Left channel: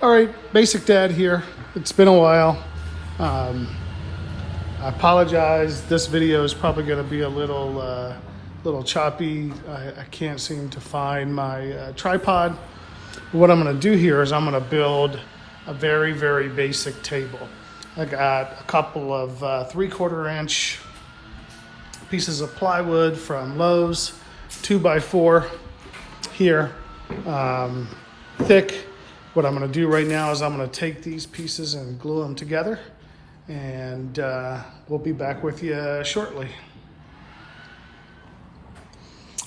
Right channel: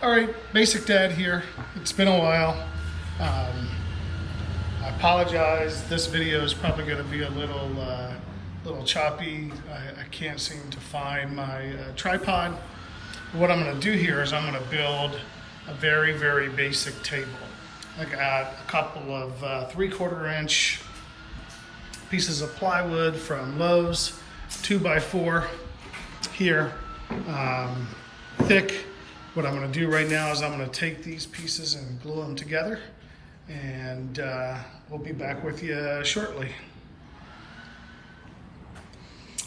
All right, Basic Dad here. It's been a while. I apologize. This video is probably going to be a little choppy. I can't seem to find my tripod. What I'm going to do here is I'm going to build a very, very basic table. I got a couple of 3/4 inch pieces of plywood from Lowe's, 2x4 here, thick. What I'm going to do right now is I'm going to take these pieces and glue them together, and we'll be back with you shortly.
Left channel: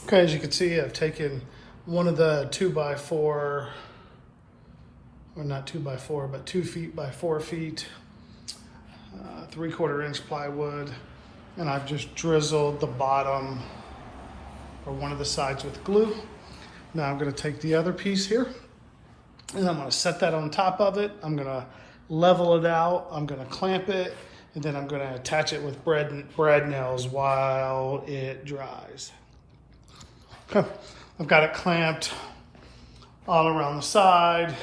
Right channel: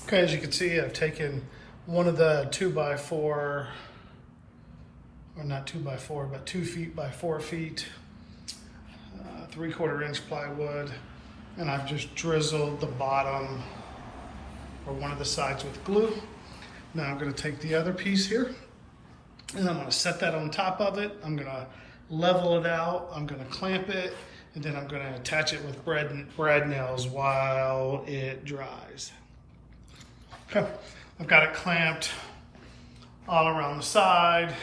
Okay, as you can see, I've taken one of the 2x4, or not 2x4, but 2 feet by 4 feet, 3/4 inch plywood, and I've just drizzled the bottom or one of the sides with glue. Now I'm going to take the other piece here, and I'm going to set that on top of it. I'm going to level it out. I'm going to clamp it, and then I'm going to attach it with brad nails while it dries. Okay, I've got it clamped all around the side.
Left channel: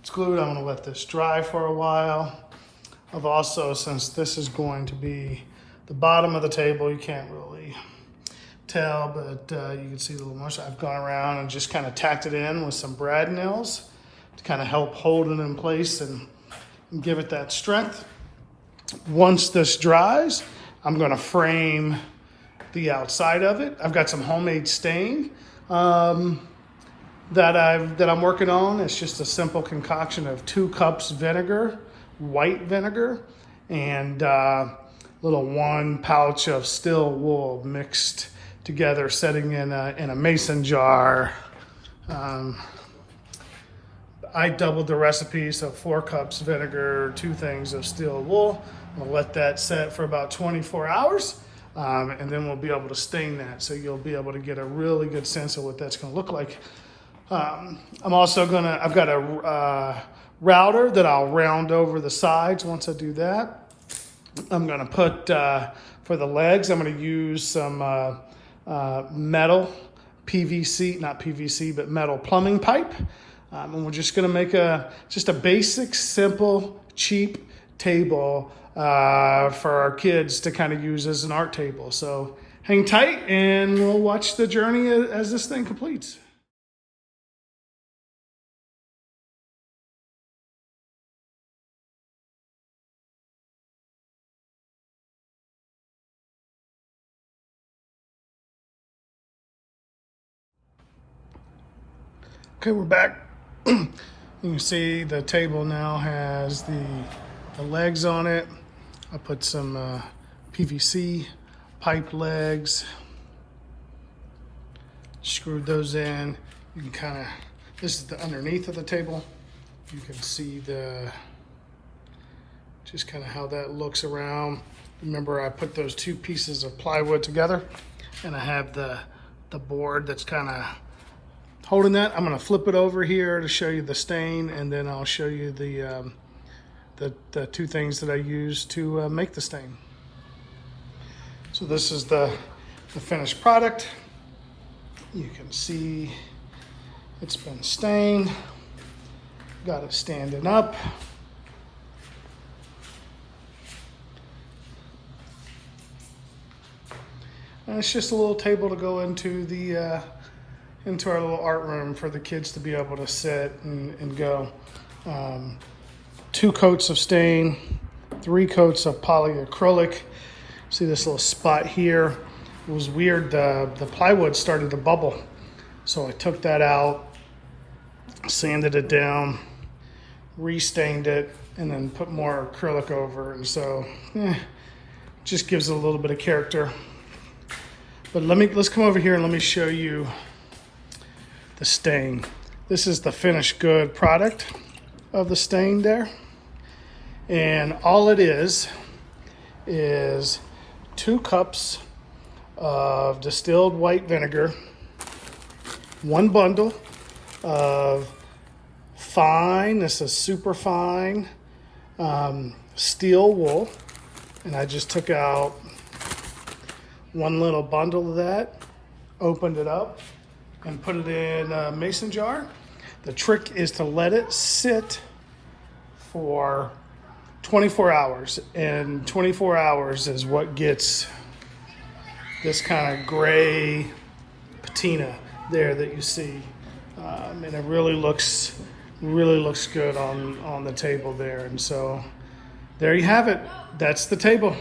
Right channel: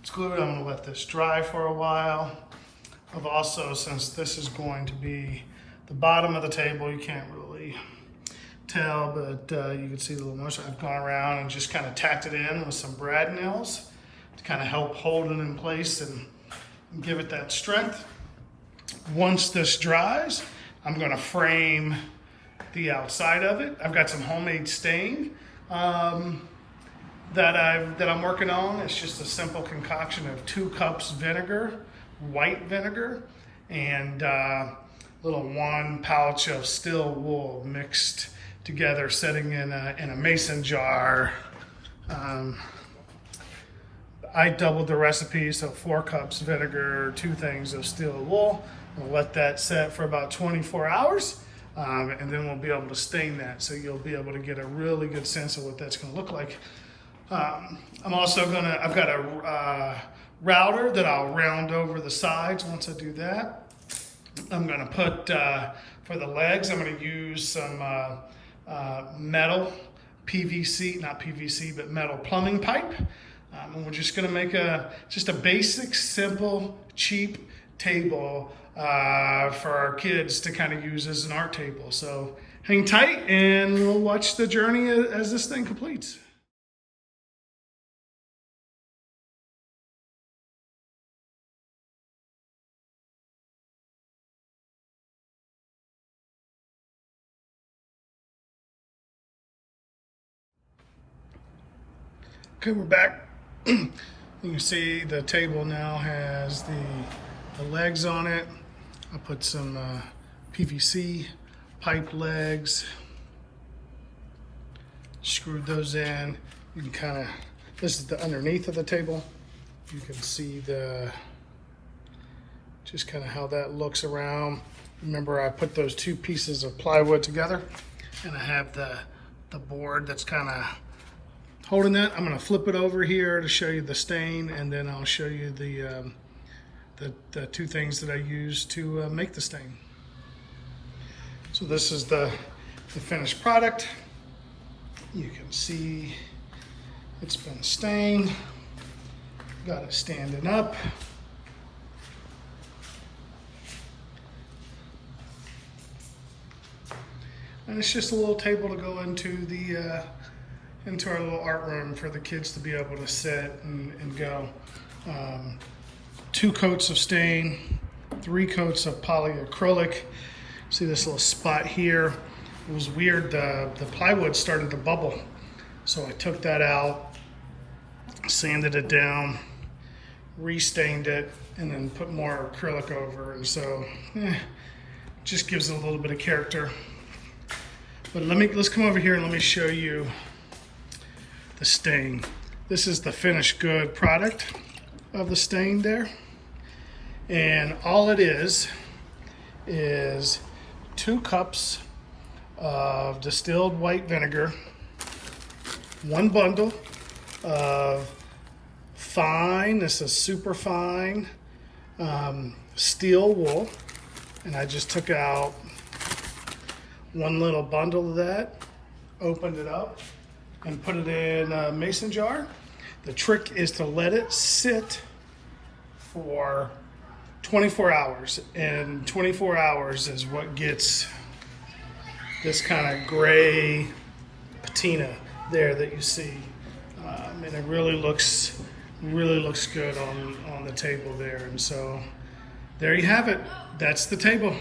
It's glued. I'm going to let this dry for a while. I've also, since this is going to be the bottom of the table, you can't really tell, but you can see the little mush. I've gone around and just kind of tacked it in with some brad nails to kind of help hold it in place and give it that strength. Once this dries, I'm going to frame the outside of it. I've got some homemade stain that I'm working on. It's just a simple concoction of 2 cups vinegar, white vinegar, and little 1 pouch of still wool mixed together, setting in a mason jar. I doubled the recipe, so 4 cups vinegar, 2 things of steel wool. We'll let that set for about 24 hours, and then we'll be able to stain that. So you'll be able to get a really good sense of what that's gonna look like. I've got a router that I'll round over the sides once I do that. I'm gonna put, for the legs, I'm gonna use some metal PVC, not PVC, but metal plumbing pipe. And we're just gonna make just a basic, simple, cheap table for our kids to kind of use as an art table. So hang tight and we'll watch the journey as this thing completes. Okay, we're back. You can see the table now has the legs on it. I put some PVC pipe legs, screwed those in. You can kind of, this is the underneath of the table. You can see just kind of how that looks around. Remember, I put those 2 pieces of plywood together, and I have the board that's kind of holding that. I'm going to flip it over here to show you the stain, and then I'll show you the 2 things that I use to make the stain. So this is the finished product. You can see it's been stained. Got it standing up. And it's just a little table to go into into our little art room for the kids to be able to sit and go. 2 coats of stain, 3 coats of polyacrylic. See this little spot here? It was weird, the plywood started to bubble. So I took that out, sanded it down, restained it, and then put more acrylic over. And so, just gives it a little bit of character. But let's come over here and let me show you the stain. This is the finished good product of the stain there. And all it is 2 cups of distilled white vinegar, 1 bundle of fine, this is super fine steel wool, and I just took out 1 little bundle of that, opened it up, and put it in a mason jar. The trick is to let it sit for 24 hours, and 24 hours is what gets this kind of gray patina there that you see, and it really looks good on the table there. And so there you have it. That's the table.